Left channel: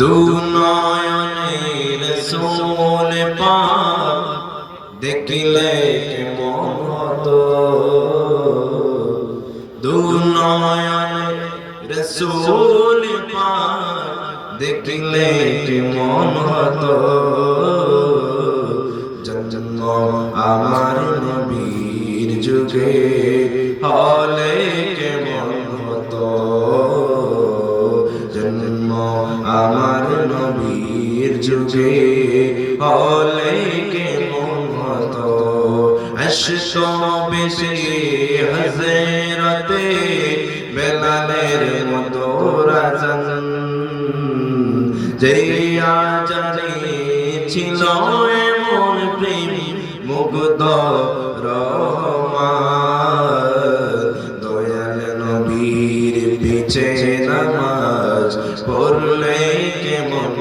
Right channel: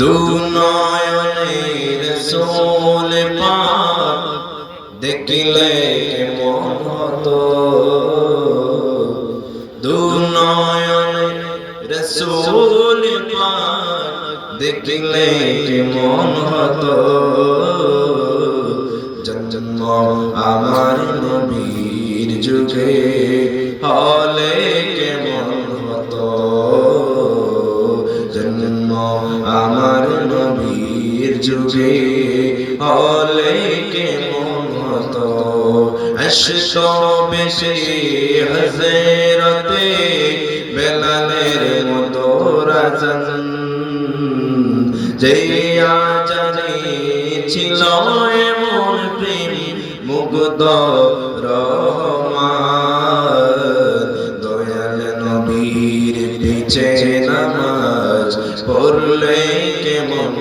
দুনয়নের রাসূল পাক দেখলে কেমন হতো, দুনয়নের রাসূল পাক দেখলে কেমন হতো, জন্ম আমার নবীর যুগে হলে কেমন হতো, জন্ম আমার নবীর যুগে হলে কেমন হতো। আসতো বেশি হযরতে বেলালের মতো রাজন, যে আজানে ছিল এমন প্রেম মুগ্ধ রহমান, দয়াল নবীর পিছে নামাজ পড়লে কেমন